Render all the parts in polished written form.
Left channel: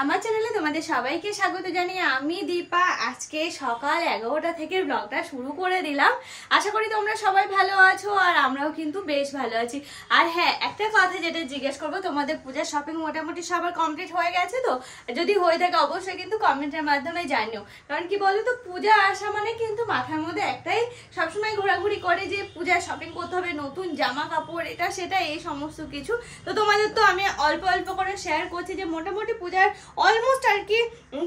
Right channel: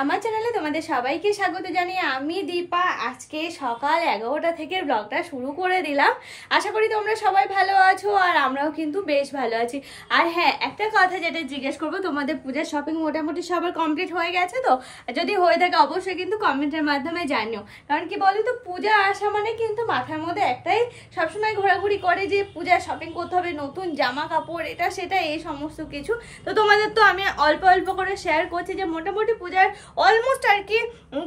আমার চ্যানেলে তোমাদের সবাইকে স্বাগত জানিয়ে আমি দীপা আজকে সকাল 11টা থেকে ব্লগটা শুরু করে দিলাম। আশা করি তোমরা সবাই ভালো আছো আর আমরাও কিন্তু বেশ ভালো আছি। আর হ্যাঁ, একটা কথা যেটা জিজ্ঞেস করবো, তোমাদের পূজার শপিং মোটামুটি সবার কমপ্লিট হয়ে গেছে তো? যদি হয়ে থাকে অবশ্যই কিন্তু কমেন্টের মাধ্যমে জানিও। কারণ কি বলো তো, পূজা আসা মানে কিন্তু মাথার মধ্যে একটাই সবসময় ঘোরাঘুরি করে যে পূজার শপিং করতে হবে, নতুন জামা কাপড়, এটা সেটা এই সমস্ত কিছু। তো তোমাদের তো আমি অল্প অল্প করে শেয়ার করছি যে মোটামুটি পূজার অলমোস্ট আর কি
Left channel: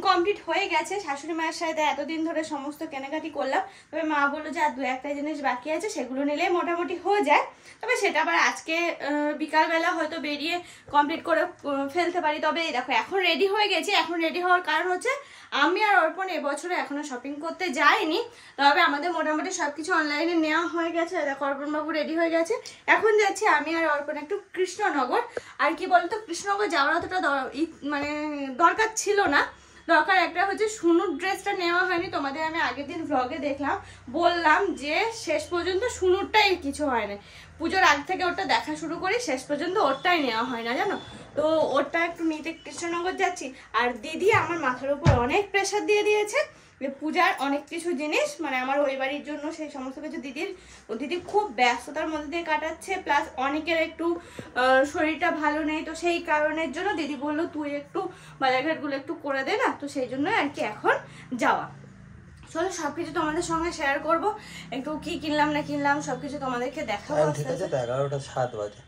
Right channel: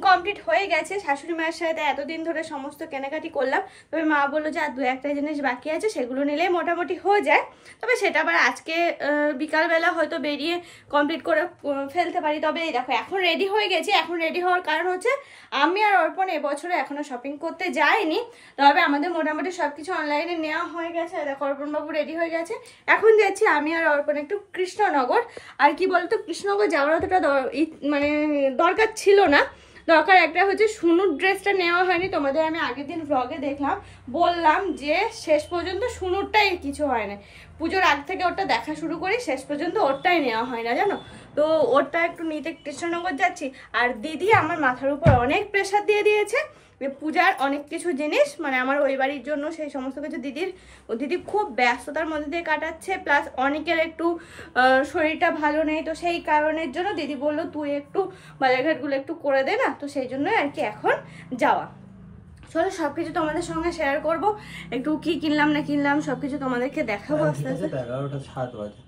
কমপ্লিট হয়ে গেছে। শাশুড়ি মায়ের সাথে এতদিন ধরে সমস্ত কেনাকাটি করলাম, তবে মা বললো যে আর দু একটা জিনিস বাকি আছে, সেগুলো নিলেই মোটামুটি হয়ে যায়। তবে সেটা আবার আজকে বিকালবেলা হয়তো বেরিয়ে কমপ্লিট করে ফেলতে পারি। তবে এই দেখো এখন রেডি হয়ে গেছি। এখন রেডি হওয়ার কারণ হচ্ছে আমি আর অর্পণ এবছরে এখনো শপিং করতে যাইনি, তবে আমাদের মোটামুটি সবকিছু অনলাইনে নেওয়া হয়ে গেছে। দেখো অর্পণবাবু রেডি হয়ে গেছে। এখন যাচ্ছি আমি আর অর্পণ একটু কৃষ্ণনগর। আর কি বলতো, কৃষ্ণনগর যাওয়ার অতটা মানে দরকার ছিল না। দরকার একটা হচ্ছে সুনুর ড্রেসটা নেওয়া হয়নি। তোমাদের আমি আগের দিন ভ্লগে দেখলাম, বললাম যে শেষ পর্যন্ত সুনুরটাই কিছু হয় না। পুজোর আগ থেকে ওটা দেখা শুরু করি, শেষ পর্যন্ত ওরটাই নেওয়া হয় না জানো তো। ওরটা একটু নিতে কৃষ্ণনগর যাচ্ছি। আর দিদি আমার মাথার উপর অনেক প্রেশার দিয়ে দিয়েছে পূজার অনেক কিছু জিনিস, মানে আমার ওই বাড়ির জন্য সেই সমস্ত কিছু দিদি খুব ব্যস্ততার মধ্যে দিয়ে কাটাচ্ছে। প্লাস অনেকের একটু শরীরটা ভালো নেই, তো সেই কারণের জন্য দিদি বললো তুই একটু বাজারঘাটগুলো একটু করে দে না। তো সেই জন্য আর কি এখন যাওয়া। চলো সবকিছু তোমাদের সঙ্গে শেয়ার করব, একটু কি কিনলাম না কিনলাম সবকিছু তোমাদেরকে দেখাবো আস্তে আস্তে। 11:07 বাজে।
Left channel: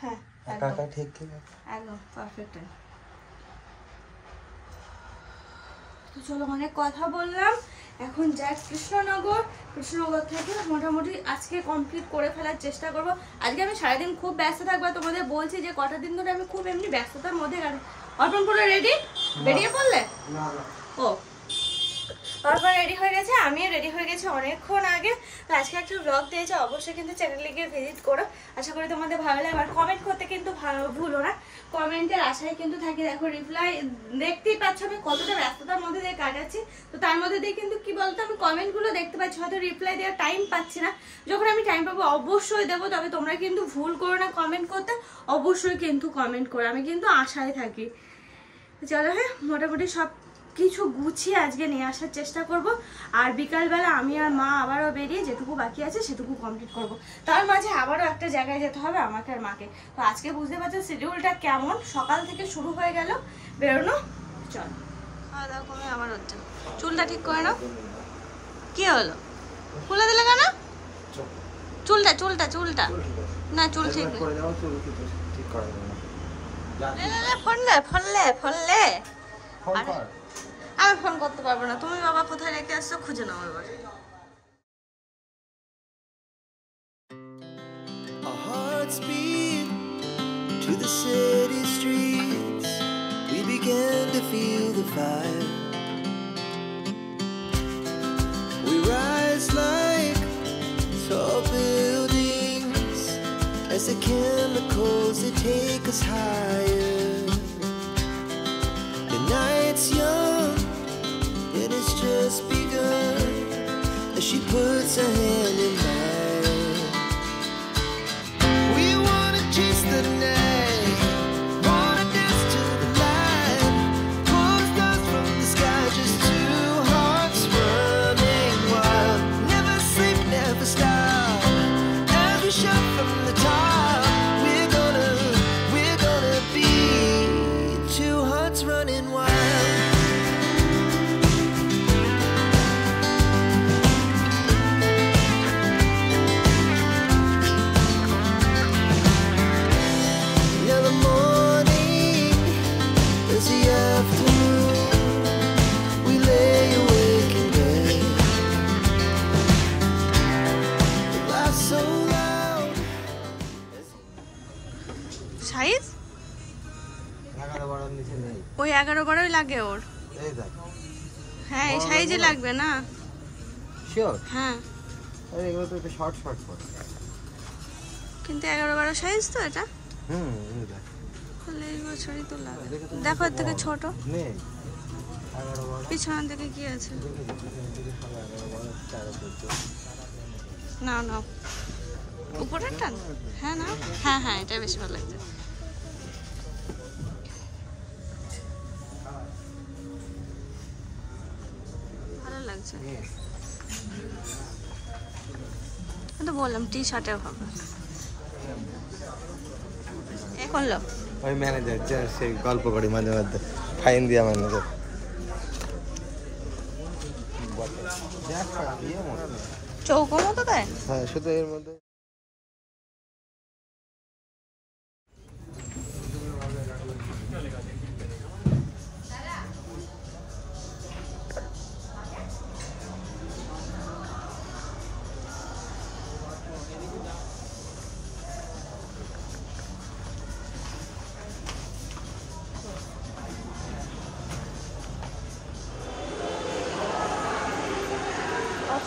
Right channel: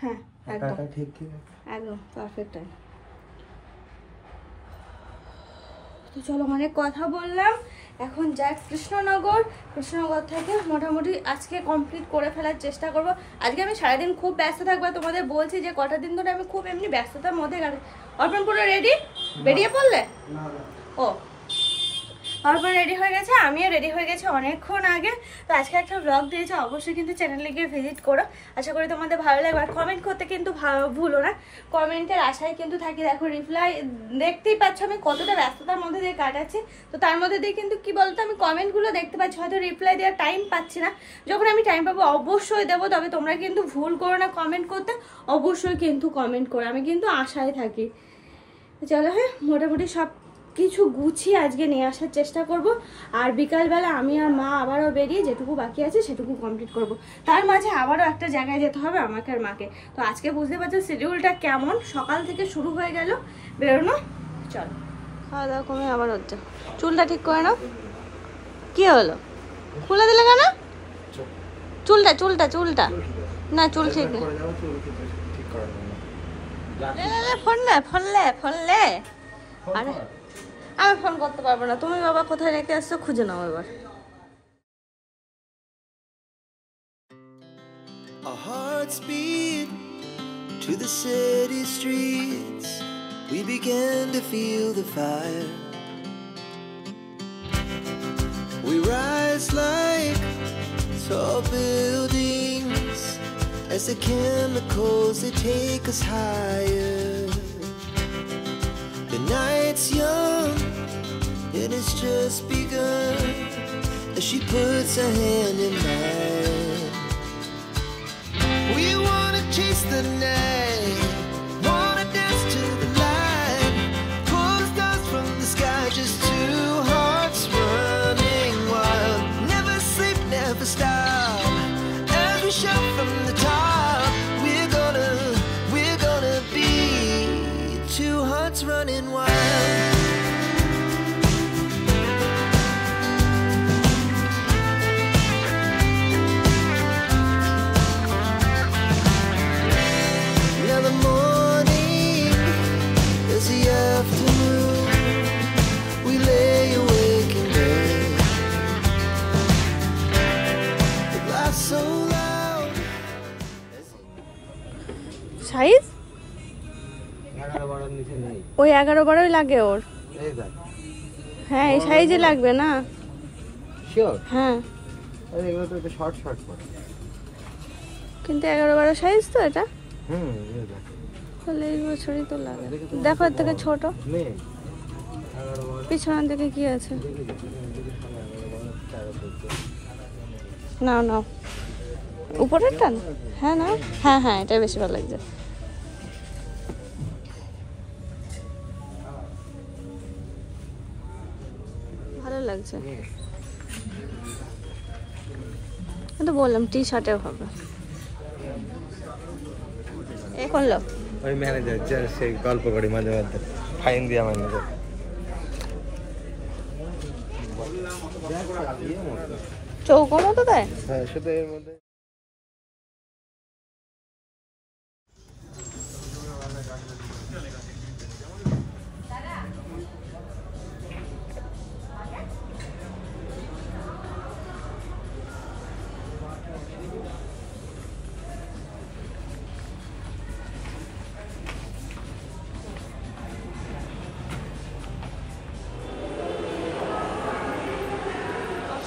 হ্যাঁ একদম ঠিক একদম পারফেক্ট টাইম। তো চলো অনেক কথা বললাম, এখন যাই কৃষ্ণনগর। কৃষ্ণনগর থেকে মোটামুটি আজকে কমপ্লিট করে ফেলার চেষ্টা করব। আজকে আমি সারাদিন খুব ব্যস্ত থাকবো। তোমাদের বলছি যে কটা দিন ধরে আমি খুব এমনি ব্যস্ততার মধ্যে কাটাই। অর্পণ পুরো রেডি? বেরিয়ে পড়লে? ও অর্পণ রেডি হয়ে গেছে, আমিও রেডি হয়ে গেছি অনেকক্ষণ আগে। তো আজকে একটা ব্লগ দিয়েছে, অবশ্যই কিন্তু চ্যানেলে গিয়ে ভিজিট করো। আশা করি তোমাদের ভালো লাগবে। আর কমেন্ট করতে কিন্তু ভুলো না, কমেন্টের আশায় কিন্তু থাকি। দেখো রিপ্লাই দেখতেই পাচ্ছ আমি কতটা ব্যস্ততার মধ্যে দিয়ে কাটাচ্ছি। তো তার মধ্যে দিয়ে কিন্তু কি বলতো, আমি কমেন্টগুলো দেখতে পাচ্ছি, হয়তো রিপ্লাই দেওয়ার টাইম পাচ্ছি না। যখন আমি টাইম পাবো অবশ্যই দেবো। তবে তোমরা কিন্তু ভুল করো না কমেন্ট করতে, অবশ্যই কিন্তু কমেন্ট করো, আমি কিন্তু আশায় থাকি। চলো হ্যাঁ, মোটামুটি সব কিছু গুছিয়ে আজকে নিয়ে আসার চেষ্টা করব। আর বিকালবেলা আমি আর মা আবারও বেরিয়ে যেটুকু বাকি আছে সেটুকু কমপ্লিট করব। তার মাঝে আবারও একটা জায়গায় যেতে হবে আমাকে আর মাকে। তো আজকে বুঝতে পারছো শিডিউলটা কেমন, সকাল থেকে শুরু হয়ে গেল বেরোনো। চলো খাওয়া দাওয়া কমে আবার হচ্ছে। চুলটা ঠিক করে নাও। কি হলো, খুলে দিলে কেন? চুলটা চুলটা চুলটা না, চুল ঠিক নেই। ফোনলে আরে আমি ফোন করতে পারবো না। তুমি বাবা কোথায় রেখে আসছো খুঁজে নাও এবার। Our hearts beat to the city streets. We began to feel the fire. We rise like tall buildings as the chemicals they take us higher. The night's young and it's just begun as she puts her hand in mine. We wanna chase the night, wanna dance to the light, pull the stars from the sky, just two hearts running wild. Never sleep, never stop, as we shout from the top. We're gonna be two hearts running wild. Now the morning is the afternoon. We lay awake in bed. The laughs so loud. Size ওই 11-12 লাগে ওর। হ্যাঁ এই সাইজে লাগবে না? Sure? হ্যাঁ এগুলো তো শর্ট শর্ট পড়ে, কিন্তু 11-12 সাইজ তো এটা। এই দেখ তাহলে এই বছরই তো লাগে। দেখো এর থেকে ছোট নেই। পিছনের দিকে কি আছে? নাও নাও উপরেরটা। হ্যাঁ না, হ্যাঁ হ্যাঁ এটা বেশি ভালো লাগছে। লাগছে। তো বললাম টি শার্টেও হবে। এ করলো ওই ম্যানেজার যে সেই গল্প করি মাঝে মধ্যে, ফাইন দিয়া ম্যানেজার। চৌকো মতো দেয়। হ্যাঁ, শুধু এর মধ্যে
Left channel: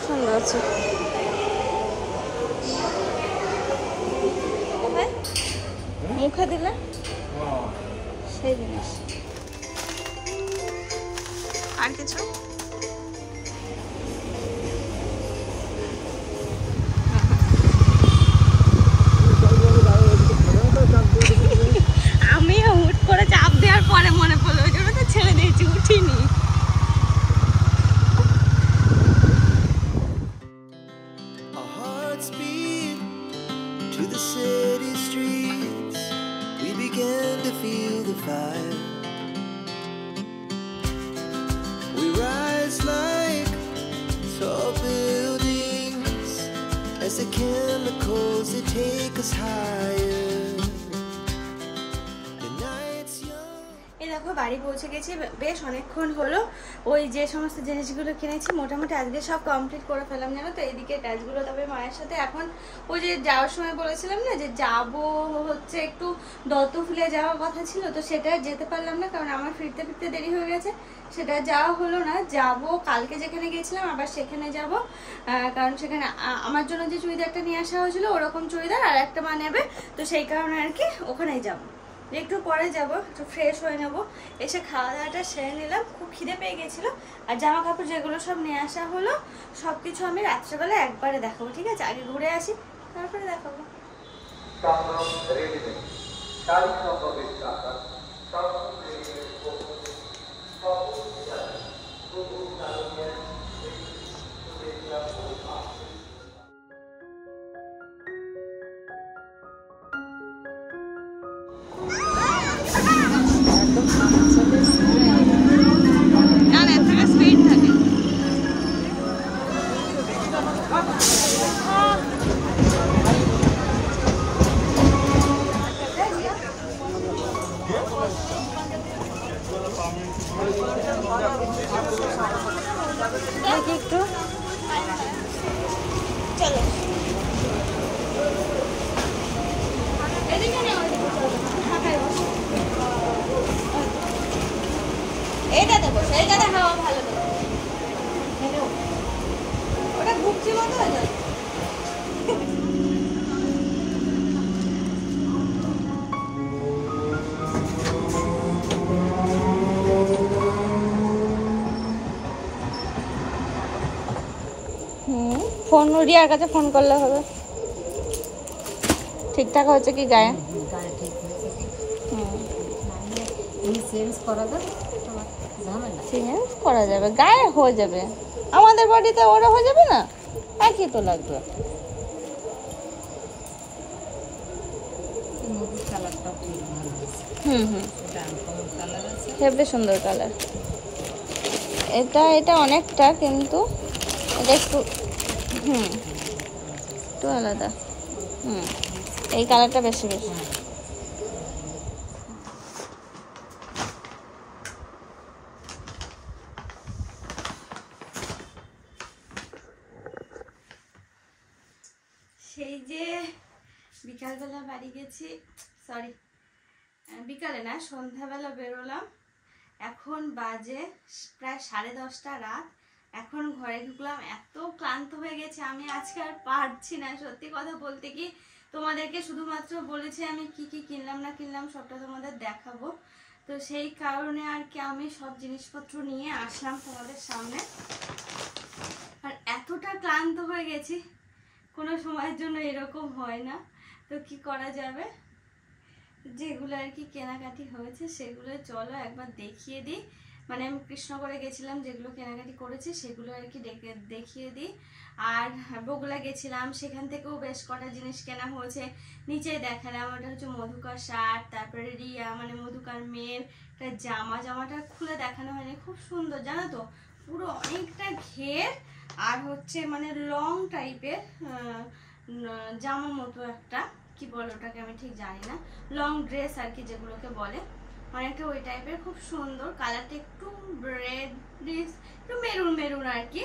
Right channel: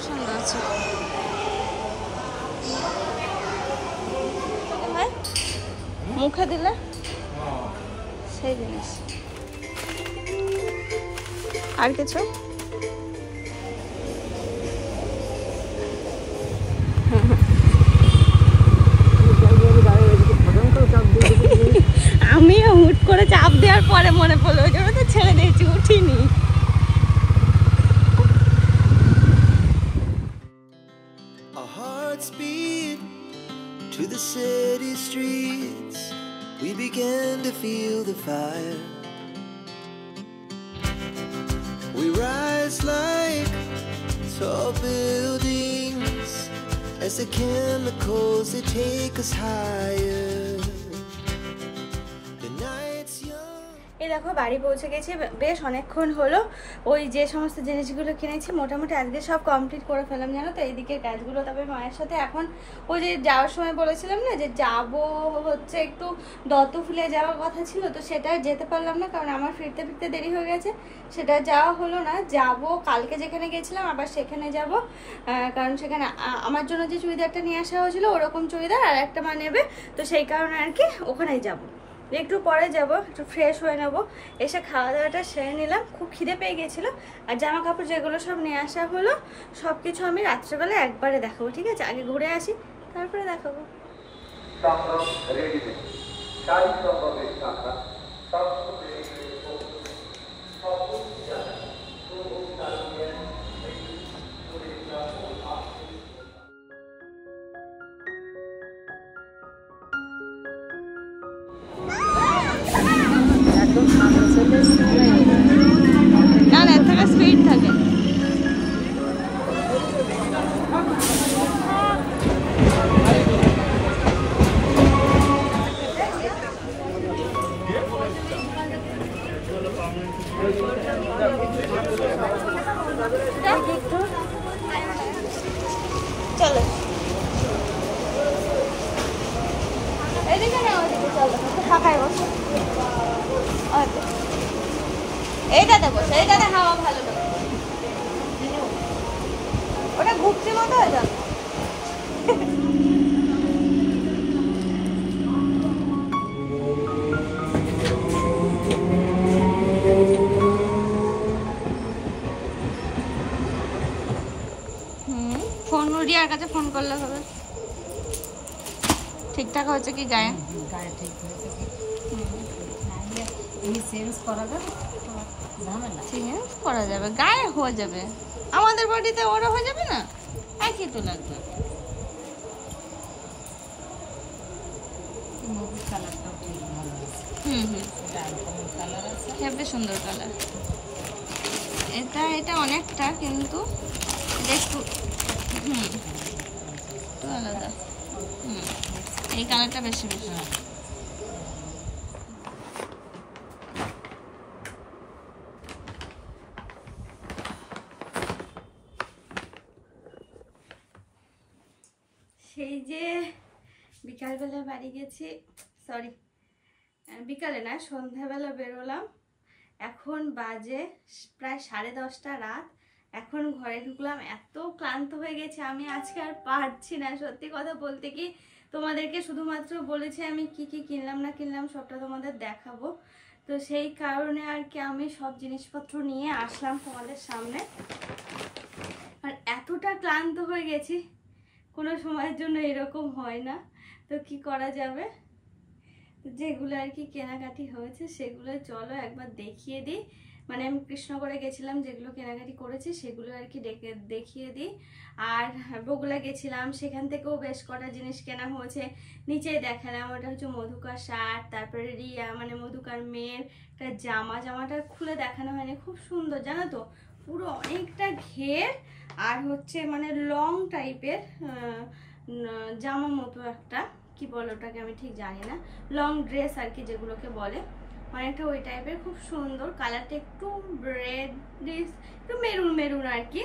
সুন্দর আছে। মুখে দিলে সেই জিনিস। আর কিছু আমি হুট করে চাপ দেওয়ার পরে মনে পড়লো, ওই জন্য তো ছেড়ে দিয়েছি, উঠিনি। Our hearts beat to the city streets. We began to feel the fire. We rise like tall buildings as the chemicals they take us higher. The night's young. এই দেখো বাড়ি পৌঁছে গেছি, বেশ অনেকক্ষণ হলো। ওই যে সমস্ত জিনিসগুলো কিনেছি মোটামুটি আজকে সব কমপ্লিট করে ফেলাম, জানো তো। এইদিকে কাজগুলো তবে মায়ের সাথে এখন ওই যে যাওয়ার সময় বলেছিলাম না যে যাব হচ্ছে একটু দত্তফুলে যাওয়ার কথা ছিল, তো সেটা যেতে পারলাম না কারণ আমার ফিরতে ফিরতে দেরি হয়ে গেছে। সেটা যাওয়া হলো না। যাব কালকে যেখানে গেছিলাম আবার সেখানে যাব, কারণ সেখানে আমার জন্য যে চুড়িদারটা নিয়ে আসা হয়েছিল ওরকম চুড়িদার আর একটা মা নেবে, তো সেই কারণে আর কি ওখানেই যাব। একটু পরে যাব, একটু ফ্রেশ হয়ে নেবো, এসে খাওয়া দাওয়াটা সেরে নিলাম। খুব খিদে পেয়ে গেছিলো। আর জামা কাপড় যেগুলো সব নিয়ে আসা হলো সব কিছু আমি রাত্রেবেলা একবারে দেখাবো, ঠিক আছে? আগে ঘুরে আসি তারপরে দেখাবো। না না, এর থেকে স্পিড থাকে। চলো এদিকে না, ফাঁকায় বসো। এইটাতে বসো, এইটাতে হাওয়া ভালো লাগে। ওটা ঘুরছি মতো হয়ে যাবে। ফোন রিয়ার কাছে ফোন করলে হবে। ঠিকঠাক হচ্ছে কি গায়ে? করা যাবে, গায়ে হয়ে যাবে, আমাদের বাড়িতে ওরা হয়ে যাবে না, একই তো লাগবে। হেবি সুন্দর কালার। এটা অনেকটা, কিন্তু এটা একটু একটু আলাদা। এই কালারটা বেশি বেশি। সেই যে বিকালবেলা বাড়ি গেছি, সরি বিকালে না সন্ধ্যাবেলা বেরোলাম, এখন বাজে প্রায় 10:30 রাত। এখন ঘরে ঢুকলাম, এত ক্লান্ত হয়ে গেছে আমি আজকে আর পারছি না। সত্যি কথা বলতে কি, তোমাদেরকে শুধুমাত্র বলেছি আমি কি কি কিনলাম না কিনলাম সবটা তোমাদের দেখাবো, তো সেই কারণে আর কি আমি সব জিনিসপত্র নিয়ে আসলাম তোমাদের সামনে। আর এতটা ক্লান্ত হয়ে গেছি, কোনো সময়ের জন্য এরকম হয় না, তো কি করা যাবে। যেগুলো আর কি কেনাকাটি হয়েছে সেগুলো চলো একবার দেখিয়ে দিই। মানে আমি কৃষ্ণগড়ে গেছিলাম, যেগুলো কেনাকাটি করেছি সেগুলো আর কি দেখিয়ে দিই। আর বগুলা গেছিলাম, সেখান থেকেও বেশ কটা জিনিস কেনা হয়েছে, নিচেই দেখালাম। ওটা হচ্ছে মধুকার শার্ট, তারপরে রিয়া মানে মধুকার মেয়ের একটা জামাটা খুলে দেখানো হয়নি, খুব সুন্দর জানো তো, পুরো অনেকটা ঘের আর হচ্ছে মানে লং টাইপের জামার মতো একটা, কি বলে ওটাকে আমি ঠিক জানি না, লং ড্রেস আর কি যেগুলোকে বলে, অনেকটা ওই টাইপের, খুব সুন্দর। কালারটা একটু রেডিশ, একটু মেরুন আর কি।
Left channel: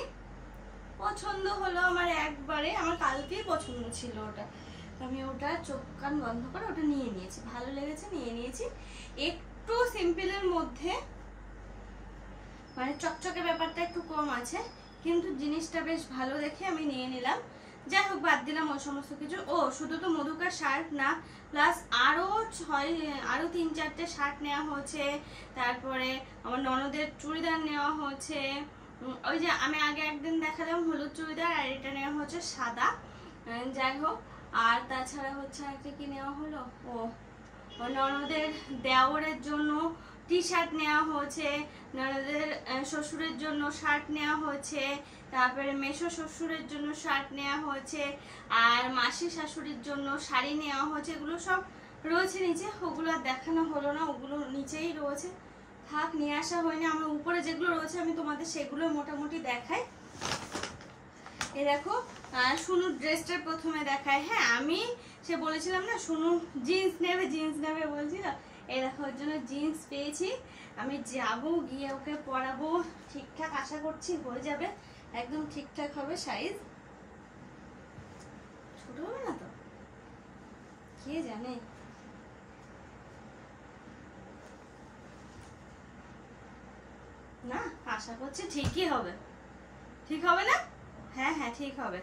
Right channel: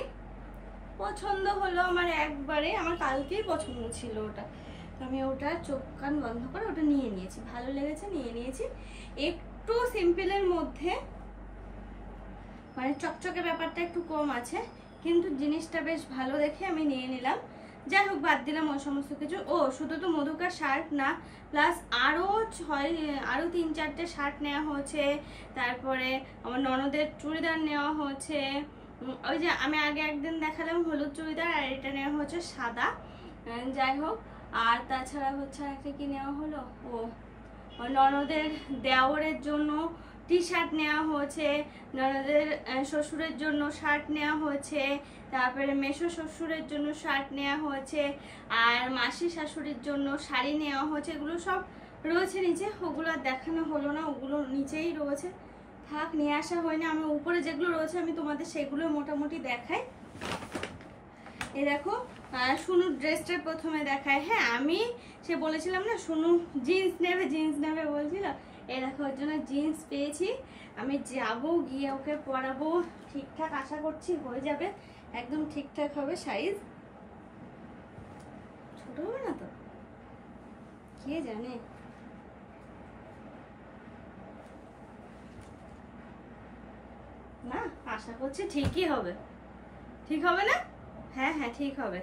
পছন্দ হলো আমার একবারে, আমার কালকেই পছন্দ ছিল ওটা, তো আমি ওটা চোখ কান বন্ধ করে ওটা নিয়ে নিয়েছি, ভালো লেগেছে নিয়ে নিয়েছি। একটু সিম্পলের মধ্যে মানে চকচকে ব্যাপারটা একটু কম আছে, কিন্তু জিনিসটা বেশ ভালো দেখে আমি নিয়ে নিলাম। যাই হোক, বাদ দিলাম ওই সমস্ত কিছু। ও শুধু তো মধুকার শার্ট না, প্লাস আরও 3-4টে শার্ট নেওয়া হয়েছে, তারপরে আমার ননদের চুড়িদার নেওয়া হয়েছে, ওই যে আমি আগে একদিন দেখালাম হলুদ চুড়িদার, আর এটা নেওয়া হচ্ছে সাদা। যাই হোক, আর তাছাড়া হচ্ছে একটা কি নেওয়া হলো, ও ননদের দেওরের জন্য টি শার্ট নেওয়া হয়েছে, ননদের শ্বশুরের জন্য শার্ট নেওয়া হয়েছে, তারপরে মেসো শ্বশুরের জন্য শার্ট নেওয়া হয়েছে, আর মাসি শাশুড়ির জন্য শাড়ি নেওয়া হয়েছে। এগুলো সব রয়েছে নিচে, ওগুলো আর দেখানো হলো না, ওগুলো নিচেই রয়েছে, থাক নিয়ে আসা হয়নি। আমার উপরে যেগুলো রয়েছে আমি তোমাদের সেগুলো মোটামুটি দেখাই। এই দেখো সুনুর ড্রেসটা প্রথমে দেখায়। হ্যাঁ, আমি সে বলেছিলাম না সুনু জিন্স নেবে বলছিল, এই দেখো ওর জন্য জিন্স পেয়েছি। আমি যাবো, গিয়ে ওকে পরাবো, ঠিকঠাক আশা করছি হয়ে যাবে, একদম ঠিকঠাক হবে। সাইজ ছোট হবে না তো, কে জানে। না, আশা করছি ঠিকই হবে, ঠিক হবে না? হ্যাঁ হ্যাঁ ঠিক হবে।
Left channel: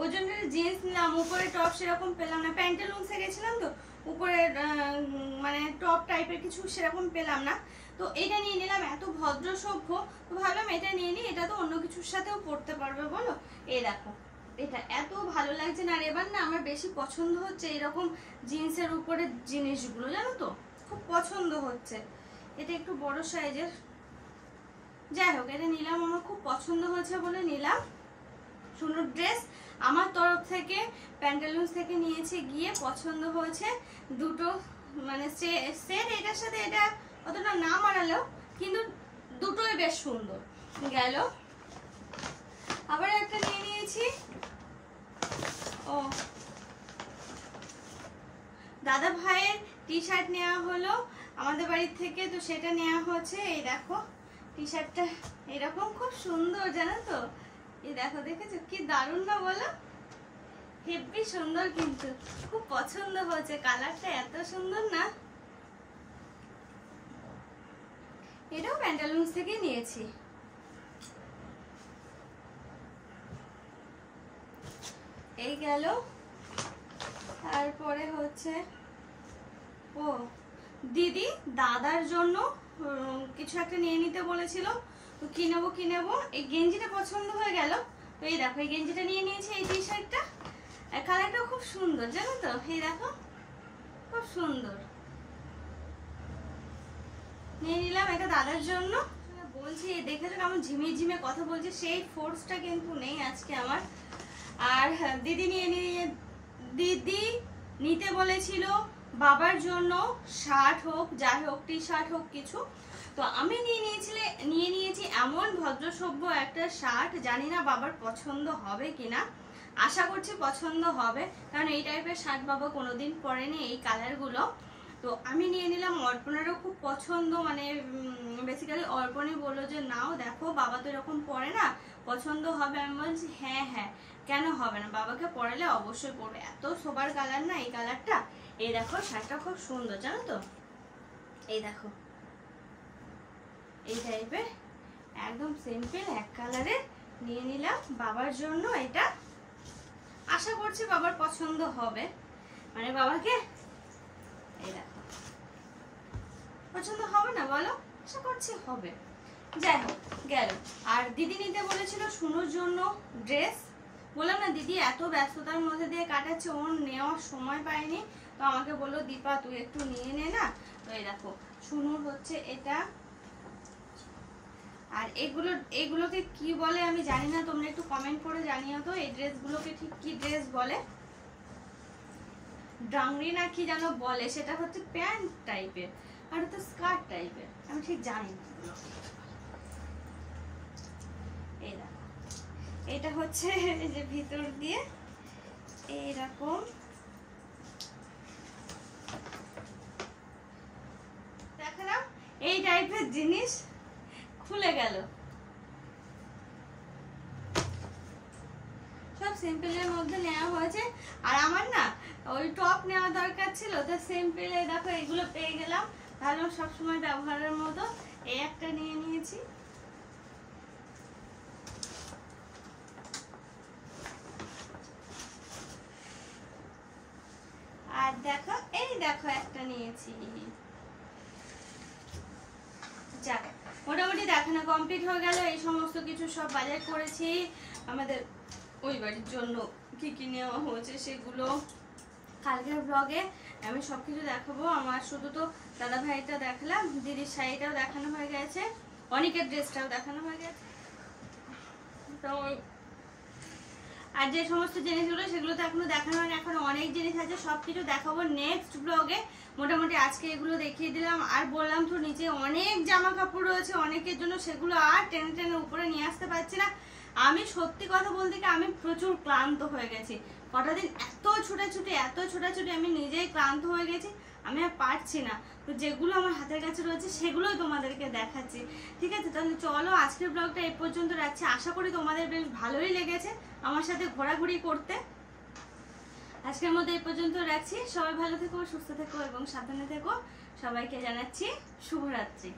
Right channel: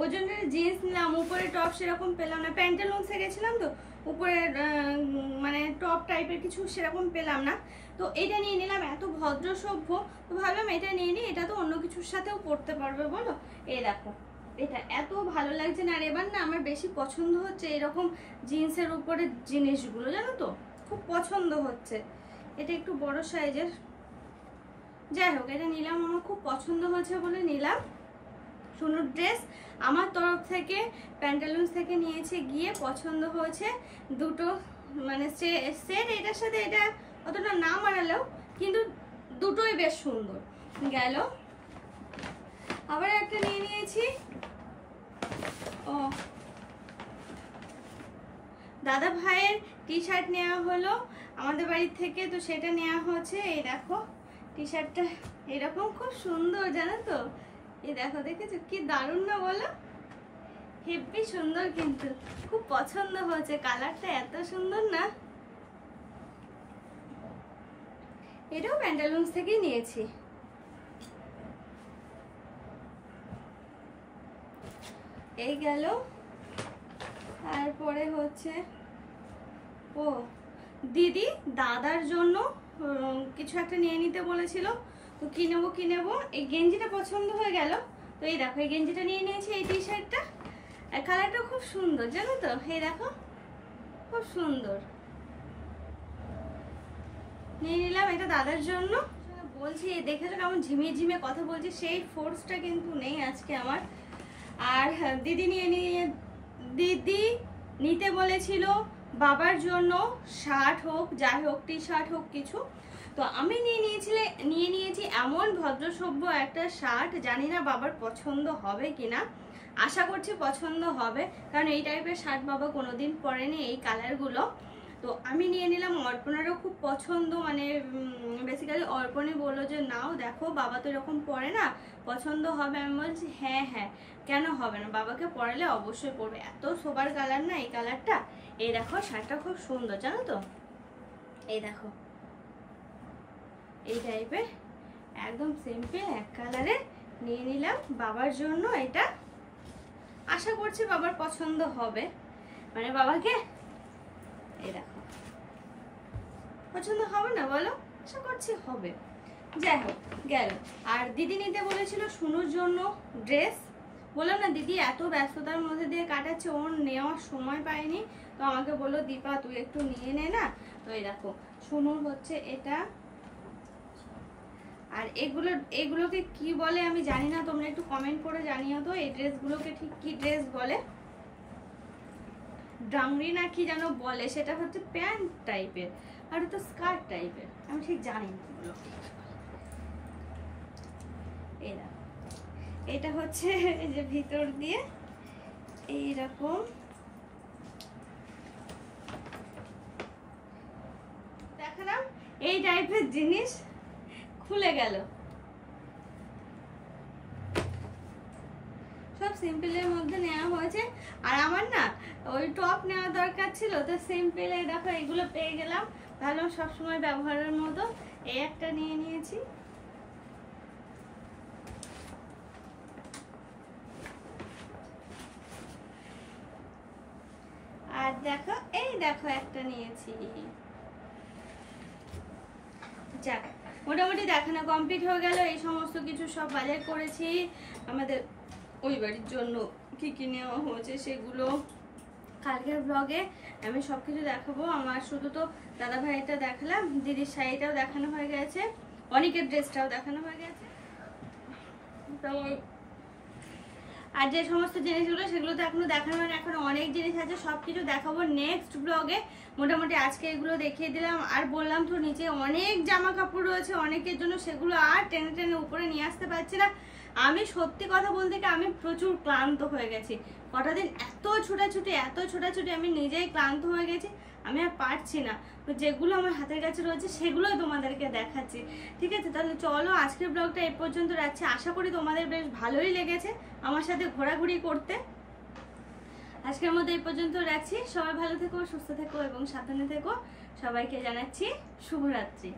ওই জন্য জিন্স নিলাম, উপরে টপ সেরকম পেলাম না, প্যান্টালুন্সে গেছিলাম তো, উপরে মানে টপ টাইপের কিছু সেরকম পেলাম না, তো এটা নিয়ে নিলাম। এত ভদ্র সভ্য, তো ভাবলাম এটা নিয়ে নিই, এটা তো অন্য কিছুর সাথেও পরতে পারবে বলো। এই দেখো এটা এত ভালো লাগছে না, আর এবার না আমার বেশি পছন্দ হচ্ছে এরকম জিন্সের উপরে জিনিসগুলো, জানো তো, খুব পছন্দ হচ্ছে। এটা একটু বড় সাইজের, যাই হোক এটা নিলাম, আমার খুব পছন্দ হয়েছে বলে নিলাম। সুনুর ড্রেস আমার তরফ থেকে প্যান্টালুন্স থেকে নিয়েছে, গিয়ে পছন্দ হয়েছে দুটো, মানে সেট এটার সাথে এটা অতটা না মানালেও কিন্তু দুটোই বেশ সুন্দর গেল। আবার একটা নিয়ে নিয়েছি, ও দাদা ভাইয়ের টি শার্ট নেওয়া হলো আমাদের বাড়ির থেকে, তো সেটা নেওয়া হয়েছে। এই দেখো টি শার্টটা এরকম খুব সুন্দর জানো তো, এই দেখো দেখেছো কি দারুণ না বলো, হেব্বি সুন্দর, কিন্তু খুব পছন্দ হয়েছে, কালারটা এত সুন্দর না। এটাও প্যান্টালুন্স থেকেই নিয়েছি। এই গেল। তারপরে হচ্ছে ও দিদি দাদার জন্য কিছু একটা নিয়ে নিতে বলেছিল, তো কি নেবো, এই গেঞ্জিটা পছন্দ হয়ে গেল, তো এই দেখো এই গেঞ্জিটা নিয়ে নিয়েছি, এই টি শার্টটা, আর কালারটা খুব সুন্দর জানো তো, এই দেখো খুব সুন্দর, নিয়ে নিলাম এটা দাদার জন্য। বলছি দেখেছো কেমন ঝিমিয়ে কথা বলছি, সেই ফোর্সটা কিন্তু নেই আজকে আমার। আর দিদি দিদি নিতে বলেছিল বাবার জন্য শার্ট হোক যাই হোক, টি শার্ট হোক কিছু, তো আমি নিয়ে নিয়েছি এমন ভদ্রসভ্য একটা শার্ট, জানি না বাবার পছন্দ হবে কিনা, আশা করছি পছন্দ হবে, কারণ এই টাইপের শার্ট বাবা কোনোদিন পরেনি এই কালারগুলো। তো আমি নিয়ে নিলাম, অর্পণেরও খুব পছন্দ, মানে বেসিক্যালি অর্পণই বললো যে নাও দেখো বাবা তো এরকম পরে না, পছন্দ হবে। আমি বলছি হ্যাঁ হ্যাঁ কেন হবে না, বাবাকে পরালে অবশ্যই পরবে, এত সোবার কালার না এই কালারটা। এই দেখো শার্টটা খুব সুন্দর জানো তো, এই দেখো এই টাইপের একদম সিম্পল এক কালারে নিয়ে নিলাম বাবার জন্য। এটা আশা করছি বাবার পছন্দ হবে, মানে বাবাকে এই দেখো পছন্দ হবে না বলো, আশা করছি হবে। যাই হোক গেল। আর দিদি নিতে বলেছিল সুনুর জন্য ড্রেস, বললাম না দিদি এত ব্যস্ততার মধ্যে দিয়ে কাটাচ্ছে, ওর নেওয়ার সময় পায়নি, তো আমাকে বললো দীপা তুই একটু নিয়ে নে না। তো এই দেখো সুনুর হচ্ছে এটা আর এগুলোকে কি বলে আমি জানি না, তোমরা একটু কমেন্ট করে জানিও তো এই ড্রেসগুলোকে ঠিক কি ড্রেস বলে। ডাংরি না কি যেন বলে, সেটা হচ্ছে প্যান্ট টাইপের আর ওটা স্কার্ট টাইপের, আমি ঠিক জানি না এগুলো। এই দেখো এটা হচ্ছে এই যে ভিতর দিয়ে এইরকম দেখালাম, এই টাইপের জিনিস খুলে গেল। সব সিম্পলের মধ্যে নেওয়া হয়েছে। আর আমার না ওই টপ নেওয়া দরকার ছিল, তো সিম্পলে দেখো এগুলো পেয়ে গেলাম, ভালো সবসময় ব্যবহারের মতো। এই একটা নিয়ে নিয়েছি। আর দেখো এই দেখো একটা নিয়েছি। যাক মোটামুটি দেখানো কমপ্লিট হয়ে গেল। এই সমস্ত কিছু সব বাজার করেছি আমাদের ওই বাড়ির জন্য, কি কি নেওয়া হয়েছে সেগুলো কালকের ব্লগে আমি সব কিছু দেখাবো। আমার শুধু তো দাদা ভাইটা দেখালাম, দিদির শাড়িটাও দেখানো হয়ে গেছে, অনেকের ড্রেসটাও দেখানো হয়ে গেছে। তো আর যে সমস্ত জিনিসগুলো সেগুলো তো এখনো দেখানো হয় না, এখন অনেক জিনিস আছে, সব কিছু দেখাবো নেক্সট ব্লগে। মোটামুটি আজকে এগুলো দেখিয়ে দিলাম। আর বললাম তো নিচে অনেক জামা কাপড় রয়েছে অনেকের জন্য, সেগুলো আর টেনে টেনে উপরে নিয়ে আসতে পারছি না। আমি সত্যি কথা বলতে কি আমি প্রচুর ক্লান্ত হয়ে গেছি, কটা দিন এত ছোটাছুটি আমি নিজেই ক্লান্ত হয়ে গেছি, আমি আর পারছি না। তো যেগুলো আমার হাতের কাছে রয়েছে সেগুলোই তোমাদেরকে দেখাচ্ছি, ঠিক আছে? তাহলে চলো আজকের ব্লগটা এই পর্যন্ত রাখছি। আশা করি তোমাদের বেশ ভালোই লেগেছে আমার সাথে ঘোরাঘুরি করতে। আজকের মতো এই পর্যন্ত রাখছি। সবাই ভালো থেকো, সুস্থ থেকো এবং সাবধানে থেকো। সবাইকে জানাচ্ছি শুভরাত্রি।